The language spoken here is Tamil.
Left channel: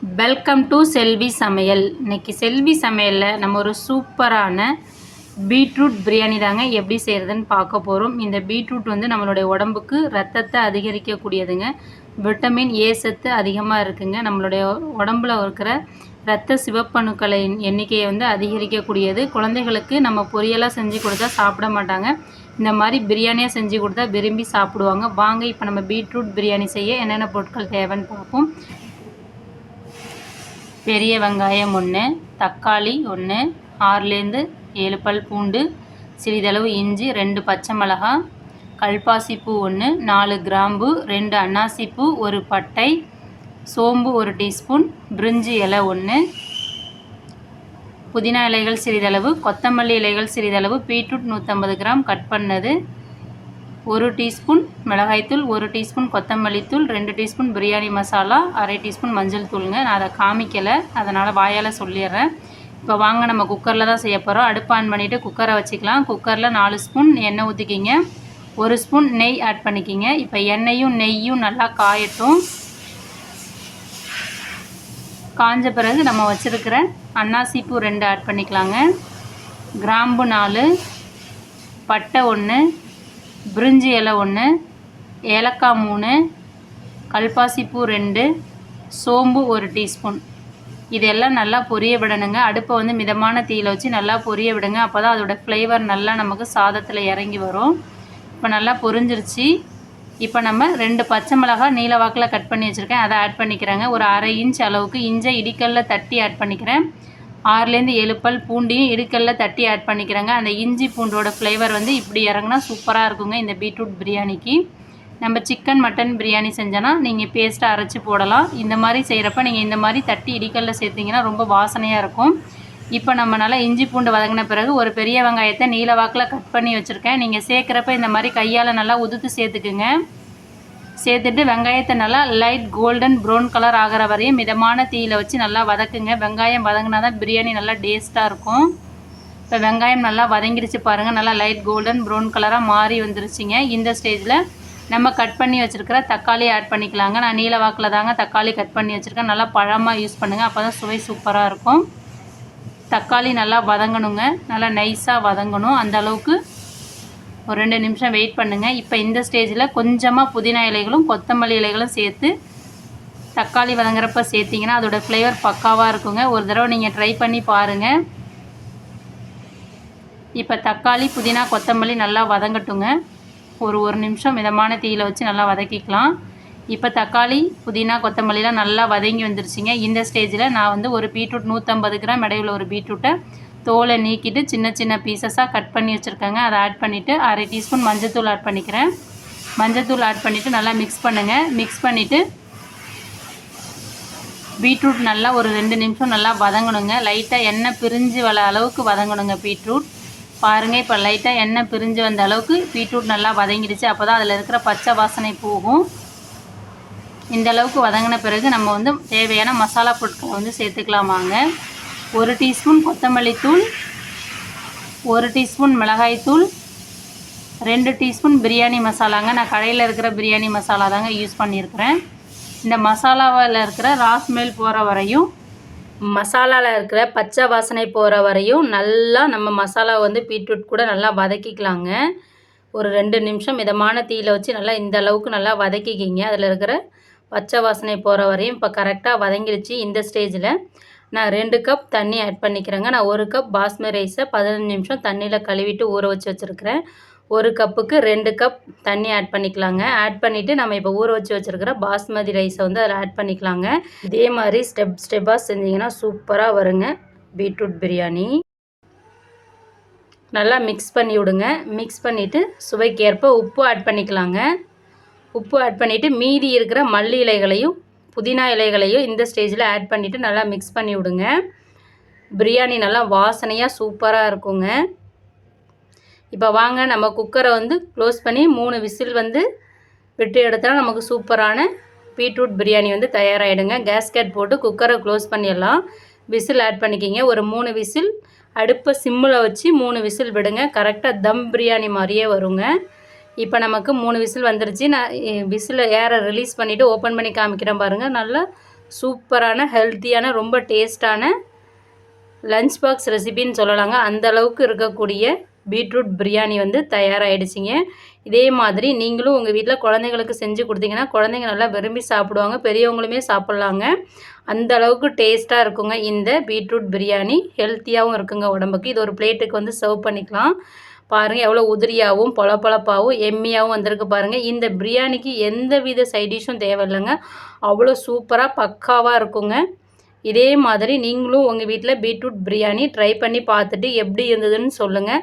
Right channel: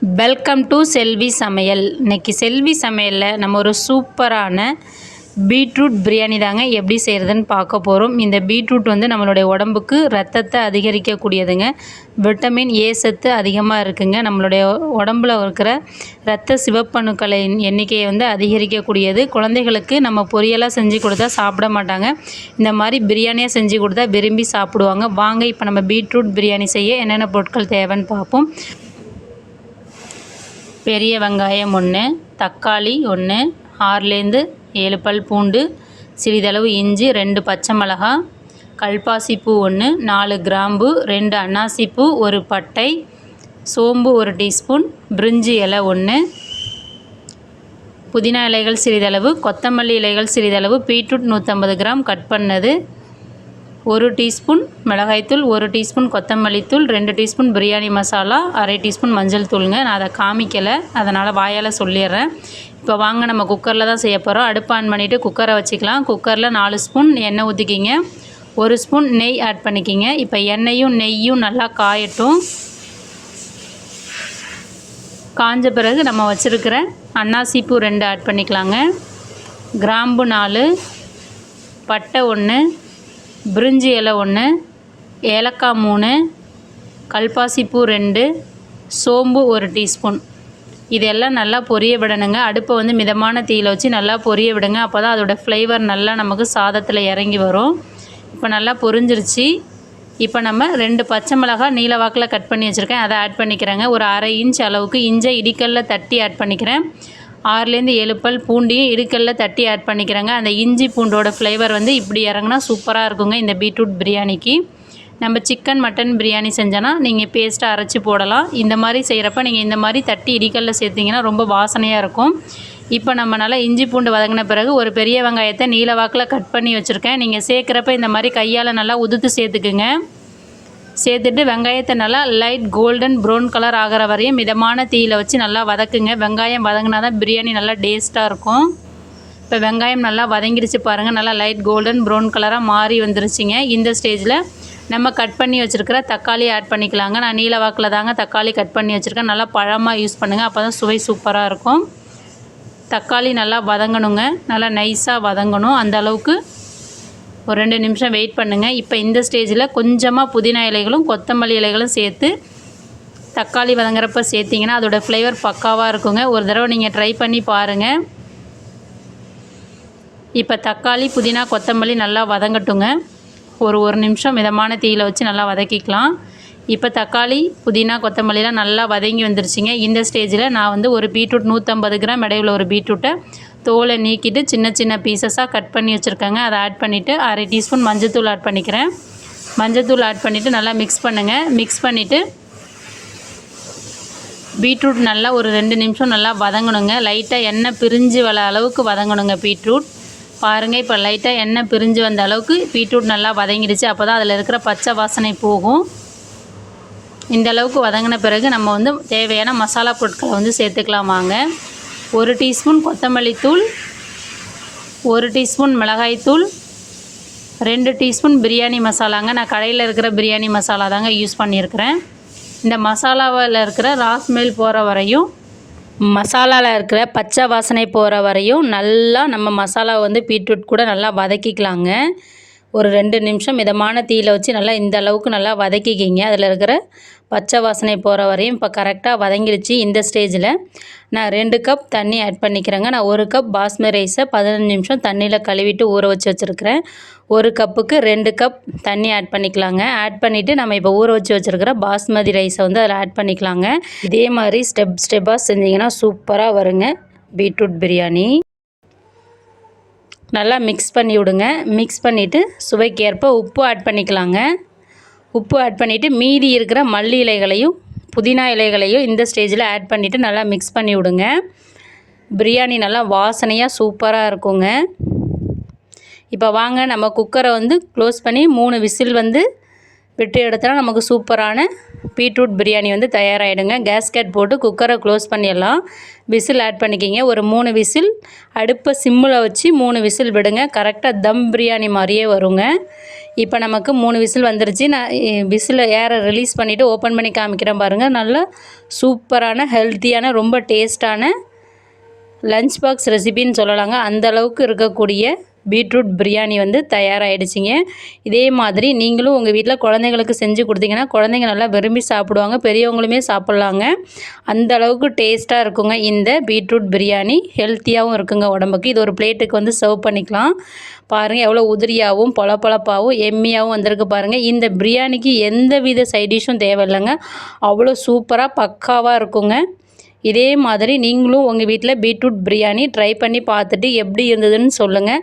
வெல்கம் டு செல்வி சமையல் இன்னைக்கு செல்வி சமையலில் நம்ம ஒரு சூப்பரான பீட்ரூட் பிரியாணி தாங்க எப்படி செய்கிறதுன்னு பார்க்க போகிறோம் இந்த பீட்ரூட் வந்து நம்மளுடைய உடம்புக்கு ரத்தத்தை அதிகரிக்கக்கூடியதுங்க. விட்டமின் ஏ சத்து அதிகமாக இருக்குங்க. நம்மளுடைய உடம்புல இருக்கிற ரத்த சிவப்பணுக்களின் எண்ணிக்கையை வந்து அதிகரிக்கக்கூடியது. குழந்தைகளுக்கு நம்ம பொரியலாக செஞ்சு கொடுத்தா சாப்பிட மாட்டாங்க. இந்த மாதிரி பிரியாணியாக செஞ்சு கொடுத்தா விரும்பி சாப்பிடுவாங்க. வாங்க இப்போ நம்ம பீட்ரூட் பிரியாணி செய்ய என்னென்ன பொருட்கள் தேவைன்னு பார்ப்போம். பெரிய வெங்காயம் ஒன்று தக்காளி ஒன்று ஆறுலேருந்து ஏழு பல் பூண்டு சிறிதளவு இஞ்சி ரெண்டு பச்சை மிளகாய் கல்பாசிப்பூ ஒன்று நாலு கிராம்பு ரெண்டு அன்னாசிப்பூ ஒரு பட்டை சோம்பு ஒரு டீஸ்பூன் பிரிஞ்சி இலை ஒன்று புதினா இலைகள் சிறிதளவு கொத்தமல்லி இலைகள் சிறிதளவு பீட்ரூட் நூற்றம்பது கிராம் கட் பண்ணது ஒரு டீஸ்பூன் மிளகாய்த்தூள் ஒரு டீஸ்பூன் கொத்தமல்லி தூள் ரெண்டு டீஸ்பூன் பிரியாணி மசாலா அரை டீஸ்பூன் மஞ்சள் தூளுங்க. நான் அதை காமிக்கலை. அதனால் வாயால் சொல்லிடுறேன். இப்போ வாங்க நம்ம குக்கரில் தான் செய்ய போகிறோம் அடுப்பு ஆன் பண்ணிவிட்டு குக்கரை வச்சுக்கலாம். குக்கரில் நாலு ஸ்பூன் எண்ணெய் ஊற்றிக்கிங்க ஒரு ஸ்பூன் நெய் ஆட் பண்ணிக்கிங்க. இப்போ எண்ணெயும் நெய்யும் நல்லா காயட்டும். காஞ்ச பிறகு நம்ம வச்சுருக்கிற அன்னாசிப்பூ ரெண்டு ஆட் பண்ணிக்கலாங்க. கிராம்பு நாலு பட்டை ஒன்று பிரிஞ்சி இலை ஒன்று ஏலக்காய் மூணு கல்பாசிப்பூ ரெண்டு சோம்பு ஒரு டீஸ்பூன். இதெல்லாம் நல்லா பொரிய விடணுங்க. அடுப்பை வந்து மிதமான தீயில் வச்சு நல்லா பொரிய விடுங்க. அப்போ தான் அதோடய ஃப்ளேவர் நல்லா நமக்கு சாதத்தில் இறங்கி வரும். இப்போ நல்லா பொரிஞ்சிருச்சு. இப்போ நம்ம ரெண்டு பச்சை மிளகாய் நீல வாக்கில் கட் பண்ணி வச்சுருக்கேன். அதை ஆட் பண்ணிக்கிறேங்க. ஒரு அரை இன்ச் அளவுக்கு இஞ்சை இடிக்கல்ல தட்டி ஆட் பண்ணிக்கிறேன். ஆறுலேருந்து ஏழு பல் பூண்டையும் இடுக்கல்ல தட்டி ஆட் பண்ணிக்கிறேங்க. அந்த இஞ்சி பூண்டோட ஃப்ளேவர் வந்து இப்படி இறங்குனா சூப்பராக இருக்குங்க இந்த பீட்ரூட் பிரியாணிக்கு. நம்ம சிக்கன் மட்டன் பிரியாணி செஞ்சோன்னா நீங்கள் பேஸ்ட்டை அரைச்சி போடலாம். இந்த மாதிரி செய்கிறப்ப நீங்கள் இந்த மாதிரி தட்டி இடிக்கல்ல சேர்த்திங்கன்னா ரொம்ப வாசனையாக இருக்கும். இப்போ நம்ம நல்லா இஞ்சி பூண்டு வதங்கின பிறகு ஒரு பெரிய வெங்காயத்தை நீல வாக்கில் கட் பண்ணி வச்சுருக்கேன். நீங்கள் சேர்க்குறப்ப இந்த மாதிரி கையால் நல்லா உதுத்து சேர்த்துக்குங்க. சேர்த்துட்டு வெங்காயத்தை நல்லா லைட் கோல்டன் ப்ரௌன் கலர் ஆகிற வரையும் மிதமான தீயில் வச்சு நல்லா வதக்குங்க. வெங்காயம் வதங்கினா தான் பிரியாணி நல்லா டேஸ்ட்டாக இருக்கும். இப்போ வெங்காயம் நல்லா வதங்கிடுச்சு பாருங்கள் நல்லா லைட் கோல்டன் ப்ரௌன் கலராக மாறி வந்துருச்சுங்க. இந்த ஸ்டேஜில் நம்ம கட் பண்ணி வச்சுருக்கிற தக்காளி ஆட் பண்ணிக்கலாங்க. நான் நீல வாக்கில் தாங்க தக்காளி கட் பண்ணி வச்சுருக்கேன். நல்லா பழமாக யூஸ் பண்ணுங்கள் அப்போ தான் சுவை சூப்பராக இருக்கும். தக்காளி நல்லா வதங்கணுங்க. நல்லா நைஸாக வதங்கணும். அந்த அளவுக்கு ஒரு ரெண்டு நிமிஷம் வெயிட் பண்ணுங்கள் இப்போ இந்த ஸ்டேஜில் கொஞ்சமாக புதினா இலைகளும் கொத்தமல்லி இலைகளும் சேர்த்து தக்காளி வதங்குறப்ப சேர்த்திங்கன்னா அதோடய ஃப்ளேவர் பக்காவாக இருக்குங்க. ஒரு தடவை நீங்கள் ட்ரை பண்ணி பாருங்கள் இப்போ தக்காளி புதினா கொத்தமல்லி நல்லா வதங்கட்டுங்க. ஒரு ஒரு நிமிஷம் மிதமான தீயில் வச்சு நல்லா வதக்கிக்கலாம். இப்போ தக்காளி புதினா கொத்தமல்லிலாம் நல்லா வதங்கி வந்துருச்சுங்க. இந்த ஸ்டேஜில் நான் வந்து ஒரு பீட்ரூட் நூற்றம்பது கிராம் இடையில ஒரு பீட்ரூட்டை தோலை நீக்கிட்டு சின்ன சின்ன பீசஸாக கட் பண்ணி வச்சுருக்கேங்க. அதை ஆட் பண்ணிவிட்டு அரை டீஸ்பூன் மஞ்சத்தூள் ஆட் பண்ணிக்கிறேன். மஞ்சத்தூள் ஆட் பண்ணிவிட்டு நல்லா மிக்ஸ் பண்ணுங்கள் மிக்ஸ் பண்ணிவிட்டு பீட்ரூட் நல்லா ஒரு ரெண்டு நிமிஷம் நல்லா வதங்கணுங்க. லைட்டாக எண்ணெய் பிரிஞ்சு வர அளவுக்கு வதங்கணுங்க பீட்ரூட் பாருங்கள் இப்போ லைட்டாக எண்ணெய் பிரிஞ்சு வந்த அளவுக்கு பீட்ரூட் நல்லா வதங்கிடுச்சு. அப்போ தான் அதில் இருக்கிற பச்சை வாசனை போகும். இந்த அளவுக்கு வதங்கின பிறகு நம்ம வந்து தேவையான மசாலா பொருட்களை வந்து சேர்த்துக்கலாம் வாங்க. ஒரு டீஸ்பூன் கொத்தமல்லி தூள் ஒரு டீஸ்பூன் மிளகாய்த்தூள் ரெண்டு டீஸ்பூன் பிரியாணி மசாலாங்க. நான் கடையில் இருக்கிற பிரியாணி மசாலா தாங்க யூஸ் பண்ணியிருக்கிறேன். இந்த மசாலாவில் இருக்கிற ராஸ்மெல் போகிற வரையும் மசாலாவில் இருக்கிற பச்சை வாசனை போகிற வரையும் நல்லா நம்ம மசாலா வந்து பீட்ரூட் கூட நல்லா வதக்கிக்கலாங்க. ஒரு ரெண்டு நிமிஷம் மிதமான தீயில் வச்சு நல்லா இந்த அளவுக்கு நல்லா வதக்கிக்கிங்க. அதில் இருக்கிற பச்சை வாசனை போகிற வரையும் இப்போ கரெக்டாக வதங்கிடுச்சு இந்த ஸ்டேஜில் நான் ரெண்டு கப் தண்ணி ஆட் பண்ணிக்கிறேங்க. நான் ஒரு கப் பாஸ்மதி ரைஸை பதினஞ்சு நிமிஷம் தண்ணியில் கழுவிட்டு ஊற வச்சு வச்சுருக்கிறேன். ஒரு கப்புக்கு ரெண்டு கப் தண்ணி ஆட் பண்ணிக்கலாங்க. ஆட் பண்ணிவிட்டு நம்ம இப்போ ஊற வச்சு வச்சுருக்கிற பாஸ்மதி ரைஸை வந்து அதில் ஆட் பண்ணிக்கலாங்க. இதே மாதிரி ஸ்டெப் ஸ்டெப்பாக செஞ்சிங்கன்னா சூப்பராக வருங்க. பீட்ரூட் பிரியாணி. நல்லா மிக்ஸ் பண்ணி விடுங்க. மிக்ஸ் பண்ணிவிட்டு சுவைக்கேற்ப உப்பு ஆட் பண்ணிக்கலாங்க. உப்பு ஆட் பண்ணிவிட்டு மீதி இருக்கிற மல்லி இலைகளையும் புதினா இலைகளையும் இந்த ஸ்டேஜில் ஆட் பண்ணிவிட்டு நல்லா மிக்ஸ் பண்ணி விடுங்க. பிரியாணி நல்லா வாசனையாக சூப்பராக இருக்குங்க. இப்போ வாங்க நம்ம குக்கரை வந்து க்ளோஸ் பண்ணி மூணு விசில் வந்து விட்டு எடுத்தால் நமக்கு சூப்பரான பீட்ரூட் பிரியாணி வந்து தயாராகிடுங்க கேஸ்கட் போட்டு குக்கரை க்ளோஸ் பண்ணிடலாம். விசில் ஆட் பண்ணிக்கிங்க. ஒரு மூணு விசில் அடுப்பை சிம்மில் வச்சு மூணு விசில் விடுங்க. கரெக்டாக தம் பிரியாணி மாதிரியே வருங்க. இப்போ நமக்கு மூணு விசில் வந்துருச்சு. நான் விசில் ஏரை ரிலீஸ் பண்ணிவிட்டு ஓப்பன் பண்ணி காமிக்கிறேன் பாருங்கள் நல்லா சூப்பரான ஹெல்த்தியான ரொம்ப டேஸ்டான லஞ்ச் பாக்ஸ் ரெசிபின்னு சொல்லலாங்க. அந்த அளவுக்கு இருக்கக்கூடிய பீட்ரூட் பிரியாணி வந்து தயாராகிடுச்சிங்க இதே மாதிரி நீங்களும் உங்கள் வீட்டில் குழந்தைங்களுக்கு செஞ்சு கொடுத்தீங்கன்னா குழந்தைங்க நல்லா விரும்பி சாப்பிடுவாங்க பெரியவங்களுமே சாப்பிட்லாங்க. அந்த அளவுக்கு டேஸ்ட்டாக இருக்குங்க இந்த பீட்ரூட் பிரியாணி. ஹெல்த்தியாகவும் இருக்குங்க உடம்புக்கு. இது ஒரு பிளேட்டுக்கு வந்து சர்வ் பண்ணிக்கலாம். பாருங்கள் எவ்வளோ உதிரியாகவும் பொலப்பொலப்பாகவும் எம்மியாகவும் வந்திருக்கு பாருங்கள் இந்த பிரியாணிக்கு எந்த வித சைடிஷும் தேவையில்லைங்க. அவ்வளோ சூப்பராக பக்காவாக இருக்குங்க. இதே மாதிரி நீங்களும் உங்கள் வீட்டில் பீட்ரூட் பிரியாணி ட்ரை பண்ணி பார்த்துட்டு எப்படி இருந்ததுன்னு சொல்லுங்கள்